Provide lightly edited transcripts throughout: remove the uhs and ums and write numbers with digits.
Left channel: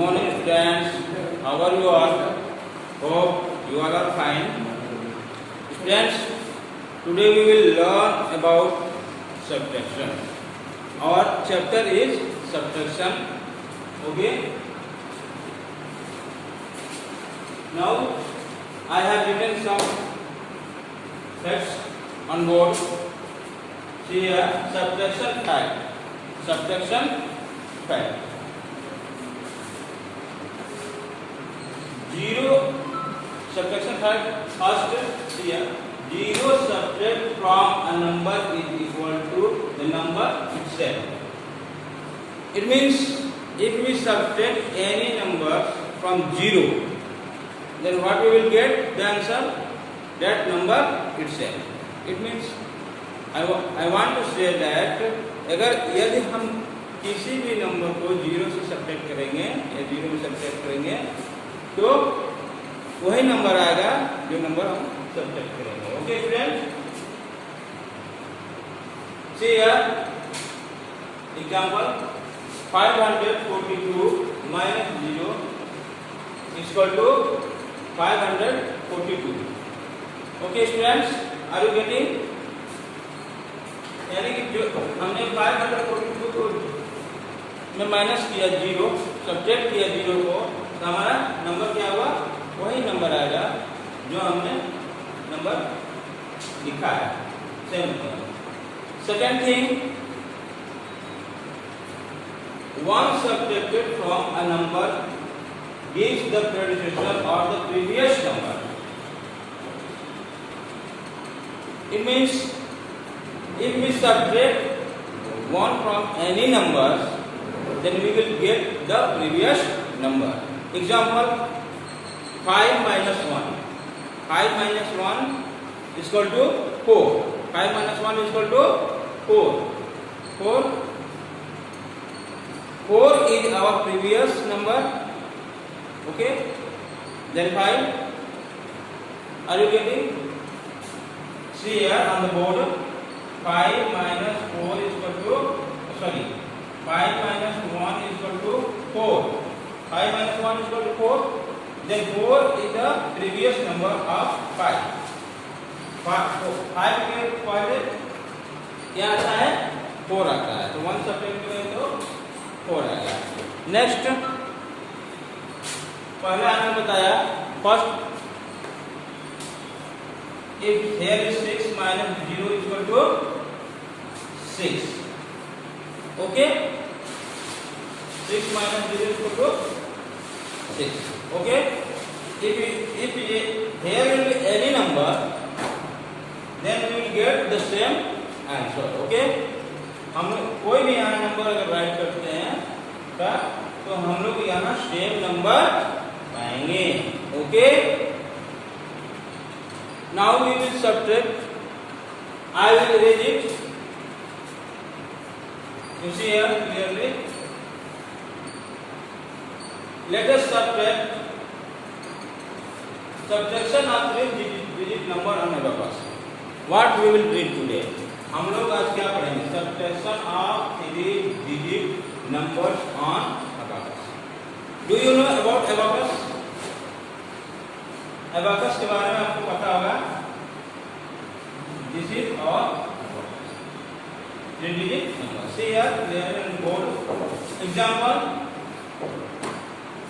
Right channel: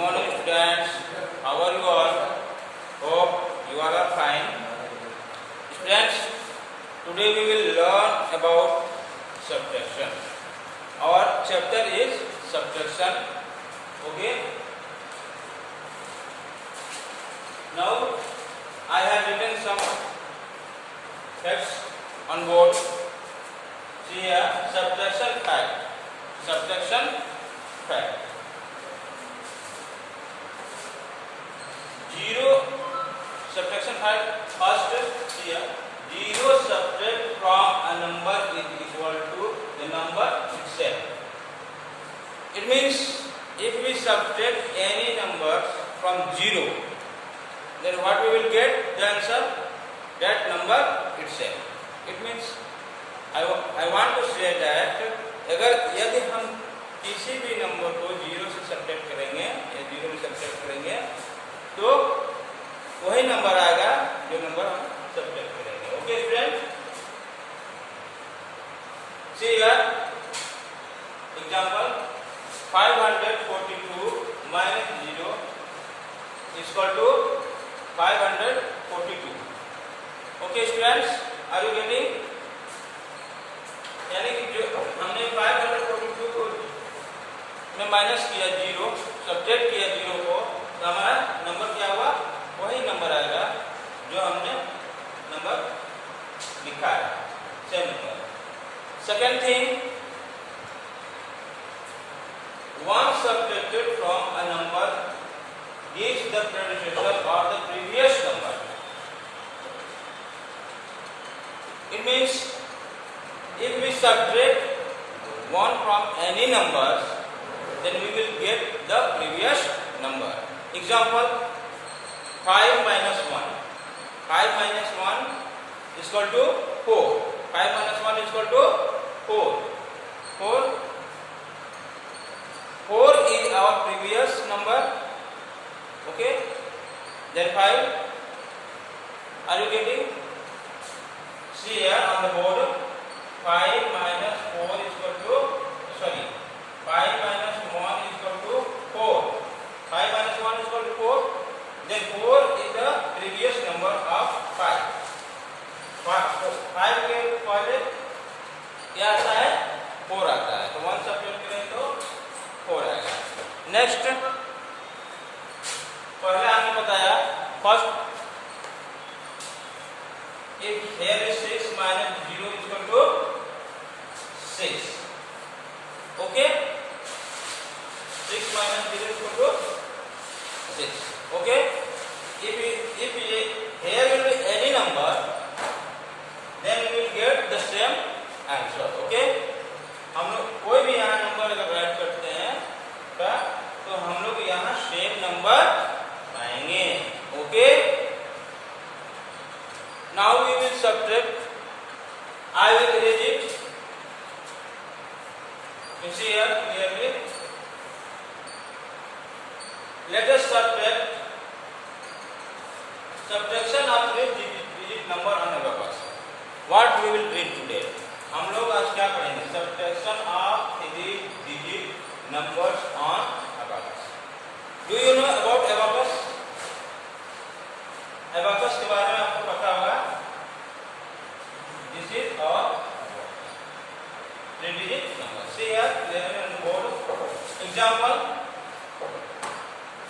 morning students, how are you all? Hope you all are fine. Students, today we will learn about subtraction. Our chapter is subtraction. Okay. Now I have written some facts on board. See here, subtraction fact. Subtraction fact. 0 subtraction fact. First, here 0 subtract from a number is equal to the number itself. It means if we subtract any number from 0, then what we will get? The answer, that number itself. It means I want to say that अगर यदि हम किसी भी number को 0 से subtract करेंगे या 0 में सब्ट्रैक्ट करेंगे तो वही नंबर आएगा जो नंबर हम सब्ट्रैक्ट करेंगे. Okay student, see here example 542 minus 0 is equal to 542. Okay students, are you getting? यानी कि जो हमने 542 को में माइनस किया 0, सब्ट्रैक्ट किया 0 को, तो हमारा नंबर क्या हुआ? वही नंबर आएगा जो हमने नंबर लिखा है, same number. Second thing, 1 subtracted from a number gives the predecessor or the previous number. It means if we subtract 1 from any number, then we will get the previous number. Example, 5 minus 1. 5 minus 1 is equal to 4. 5 minus 1 is equal to 4. 4 is our previous number. Okay. Then 5. Are you getting? See here on the board. 5 minus 4 is equal to, 5 minus 1 is equal to 4. 5 minus 1 is equal to 4. Then 4 is the previous number of 5. 5 के पहले क्या आता है? 4 आता है. तो 1 subtract करें तो 4 आएगा. नेक्स्ट, पहले आपने बताया first if here is 6 minus 0 is equal to 6. Okay, 6 minus 0 is equal to 6. Okay, if here will be any number, then we will get the same answer. Okay, हम लोग कोई भी यहाँ नंबर अगर राइट करते हैं तो हम लोग यहाँ सेम नंबर पाएंगे. Okay, now we will subtract. I will erase it. You see here clearly. Let us subtract. Subtraction of 3-digit number on abacus. What we will read today? हम लोग आज क्या पढ़ेंगे? Subtraction of 3-digit numbers on abacus. Do you know about abacus? Abacus के बारे में आपको पता होगा. दिस इज और 3-digit number. See here, clear on the board. Example,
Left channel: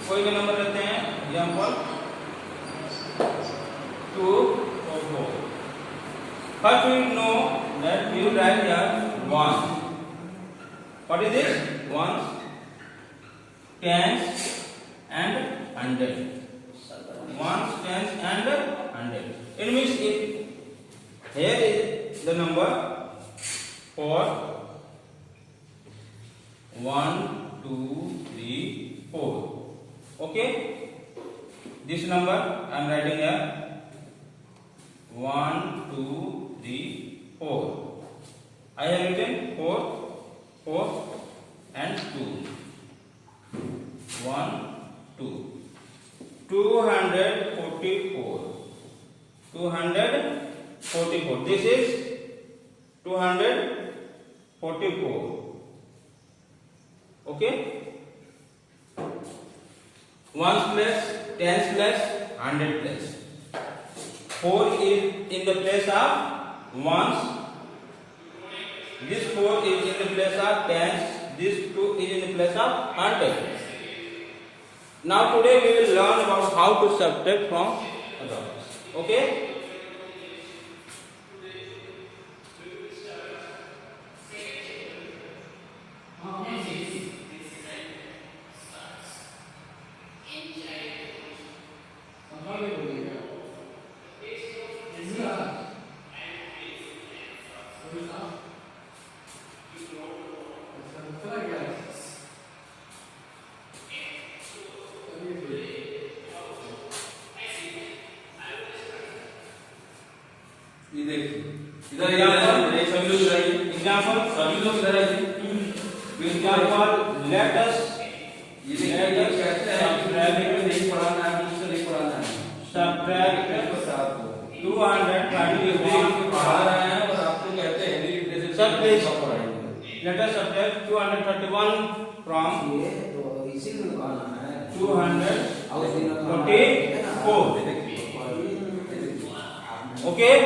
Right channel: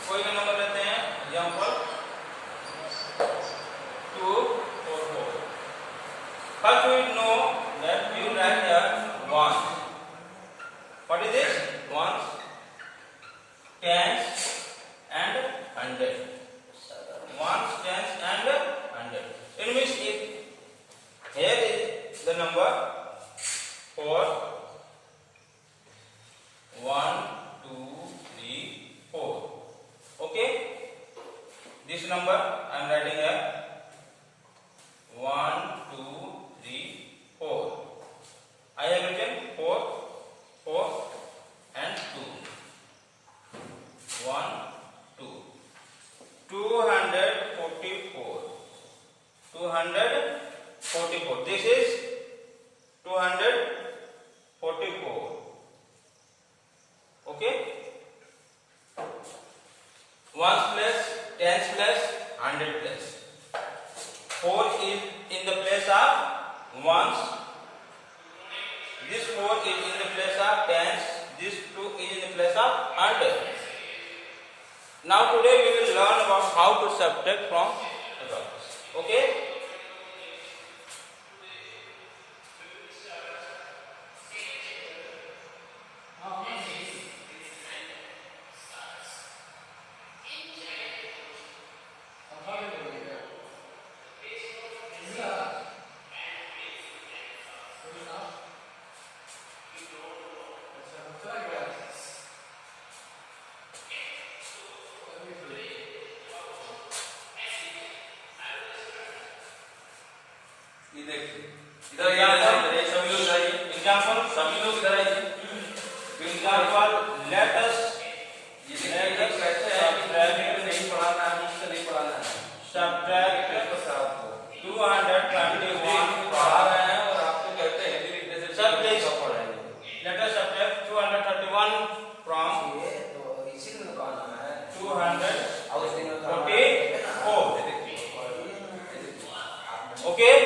कोई भी नंबर लेते हैं. Example 2 or 4. First we know that we will write here 1. What is this? 1, 10 and 100. 1, 10 and 100. It means if here is the number 4, 1, 2, 3, 4. Okay, this number I am writing here 1, 2, 3, 4. I have written 4, 4 and 2. 1, 2. 244. 244. This is 244. Okay. ones place, tens place, hundred place. 4 is in the place of ones. This 4 is in the place of tens. This 2 is in the place of hundred. Now today we will learn about how to subtract from above. Okay? Example, let us subtract 231. Let us subtract 231 from 244. Okay,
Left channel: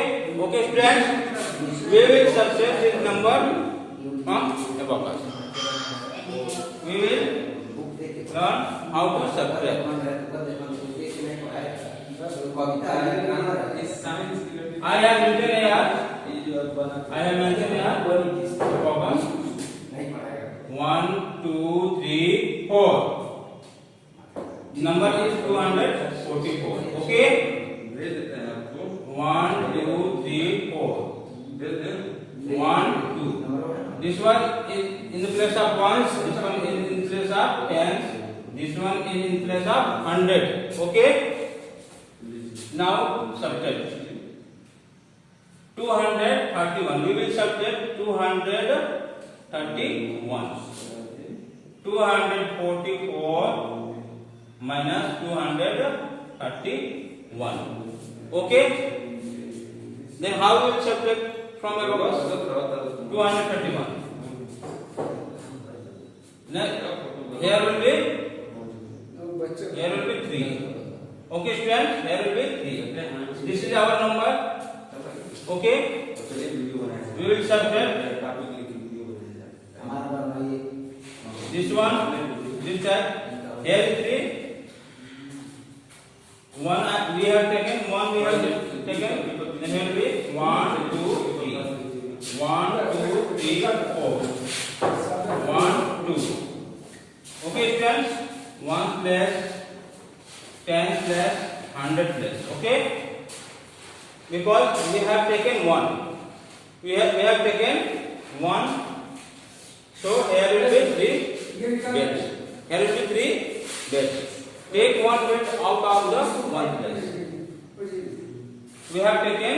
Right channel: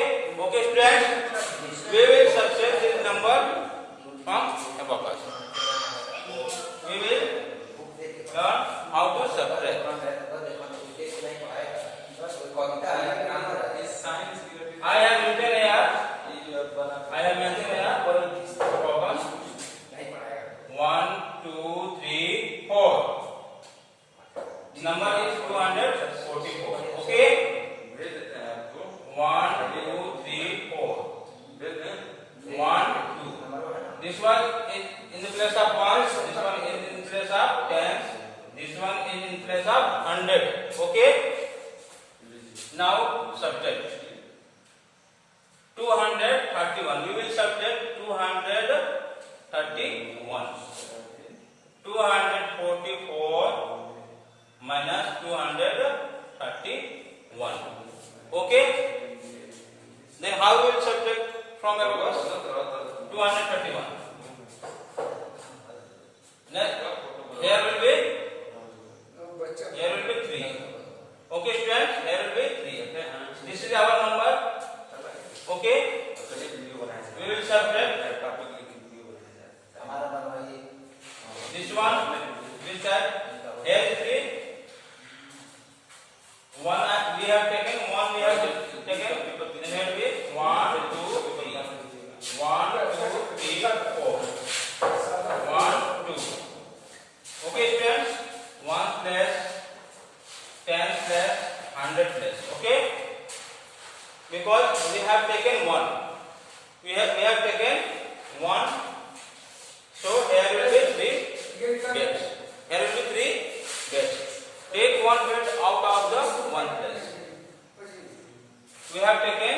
students, we will subtract this number from above. We will learn how to subtract. I have written here. I have mentioned here. Focus. 1, 2, 3, 4. The number is 244. Okay. 1, 2, 3, 4. 1, 2. This one is in the place of ones. This one is in place of tens. This one is in place of hundred. Okay. Now subtract 231. We will subtract 231. 244 minus 231. Okay. Then how we will subtract from above? 231. Here will be 3. Okay, students, here will be 3. This is our number. Okay. We will subtract this one, this side. Here is 3. 1 we have taken. 1 we have taken. Then here will be 1, 2, 3. 1, 2, 3, 4. 1, 2. Okay, students. 1 place, 10 place, 100 place. Okay. Because we have taken 1. We have taken 1. So here will be 3 bits. Here will be 3 bits. Take 1 bit out of the 1 place. We have taken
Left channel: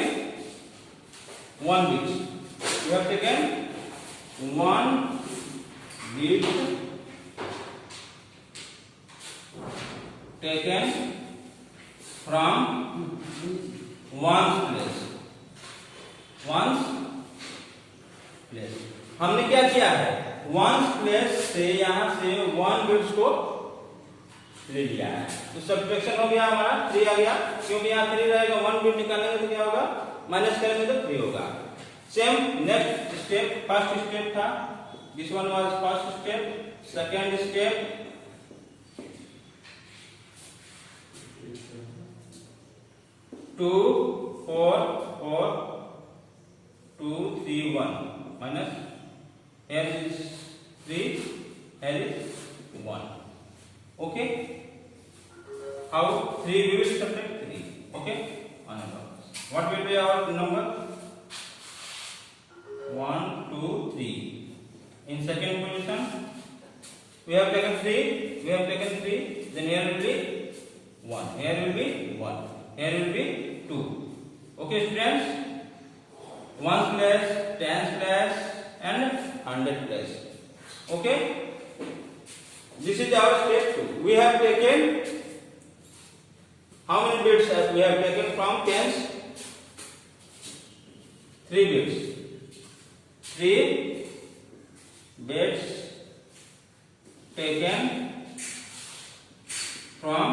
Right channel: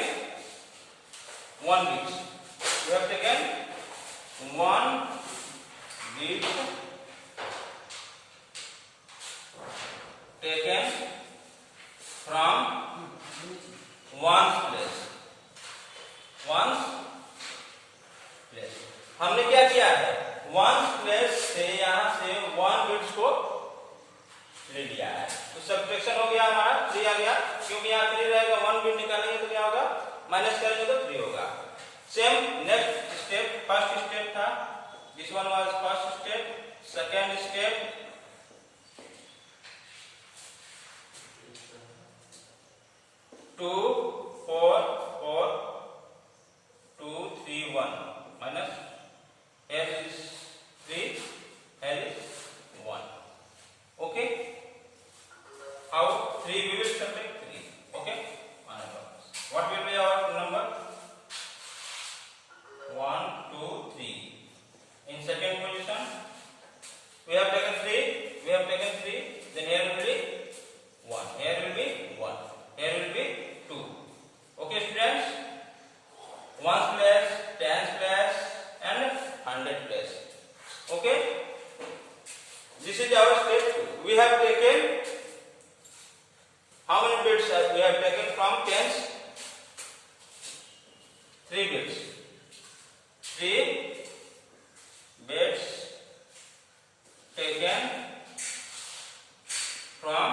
1 bit. We have taken 1 bit taken from 1 place. 1 place. हमने क्या किया है? 1 place से यहां से 1 bits को ले लिया है. तो सब्ट्रैक्शन हो गया हमारा 3 आ गया. क्योंकि यहाँ 3 रहेगा, 1 बिट निकालेंगे तो क्या होगा? माइनस करेंगे तो 3 होगा. Same next step, first step था. This one was first step. Second step 2, 4, 4, 2, 3, 1 minus here is 3, here is 1. Okay. How 3 we will subtract 3. Okay. What will be our number? 1, 2, 3. In second position we have taken 3. We have taken 3. Then here will be 1. Here will be 1. Here will be 2. Okay, students. 1 place, 10 place, and 100 place. Okay. This is our step 2. We have taken how many bits? We have taken from tens. 3 bits. 3 bits taken from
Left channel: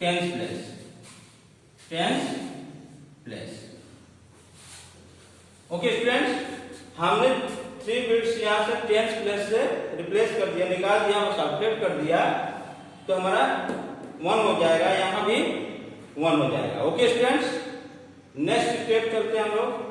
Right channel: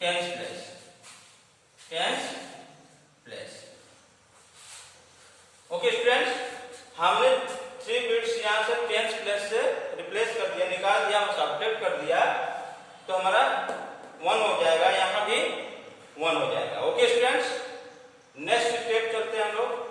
tens place. Okay students, हमने 3 bits यहाँ से tens place से replace कर दिया, निकाल दिया, subtract कर दिया, तो हमारा 1 हो जाएगा, यहाँ भी 1 हो जाएगा। ओके स्टूडेंट्स, नेक्स्ट स्टेप चलते हैं हम लोग।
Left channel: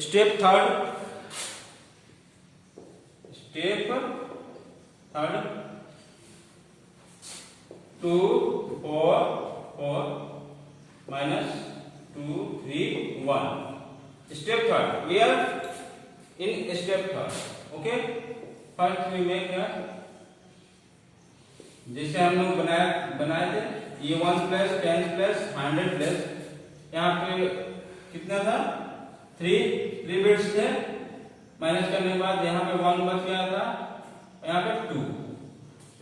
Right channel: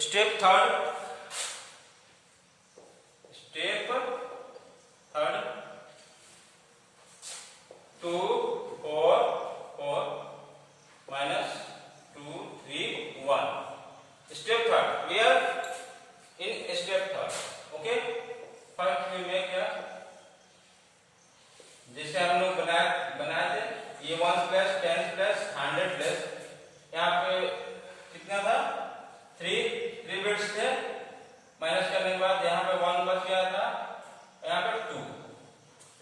Step third, 2 4 4 minus 2 3 1. Step third, we are in step third. Okay, first we make here, जिसे हम लोग बनाए थे, ये 1 प्लस 10 प्लस 100 प्लस, यहाँ पे कितना था, 3 बिट्स थे, माइनस करने के बाद यहाँ पे 1 बच गया था, यहाँ पे 2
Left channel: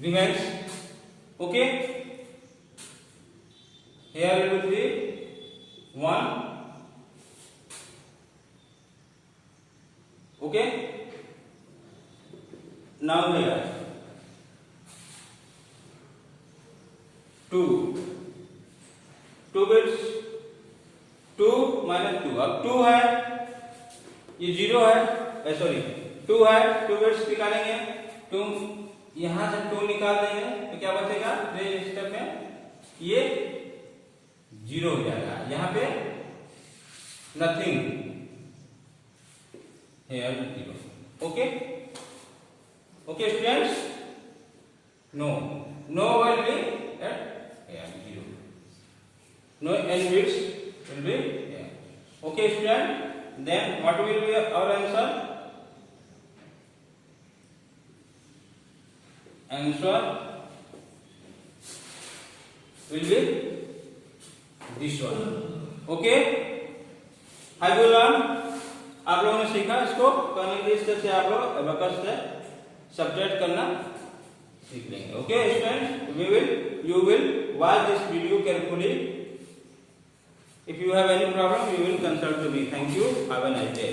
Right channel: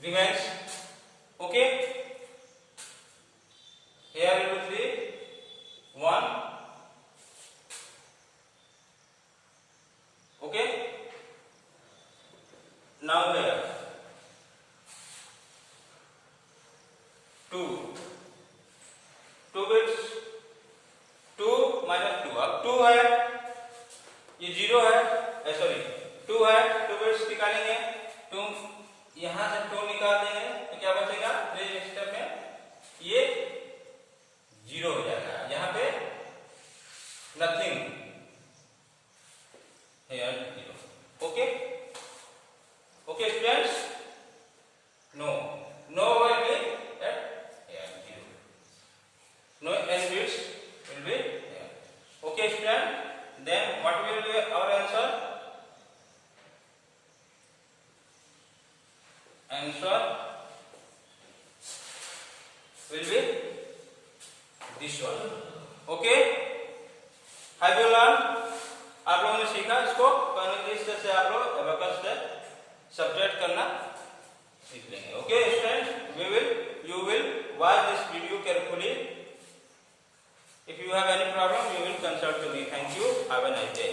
revise. Okay, here we do 3 1. Okay, now here 2 bits, 2 minus 2, अब 2 है, ये 0 है, सॉरी 2 है, 2 बिट्स निकालेंगे, 2 यहां से 2 निकाल देंगे तो क्या बचेगा, 3 स्टेप में ये 0 हो जाएगा, यहाँ पे नथिंग है, 0। Okay okay students, no will be at here 0, no n bits will be here. Okay student, then what will be our answer? Answer will be this one. Okay, have you learned? आप लोगों ने सीखा इसको, तो इस तरह से आप लोग अबेकस से सब्ट्रैक्ट करना सीख लेंगे। Okay students, you will watch this video carefully. If you have any problem, you will consult to me. Thank you. Have a nice day.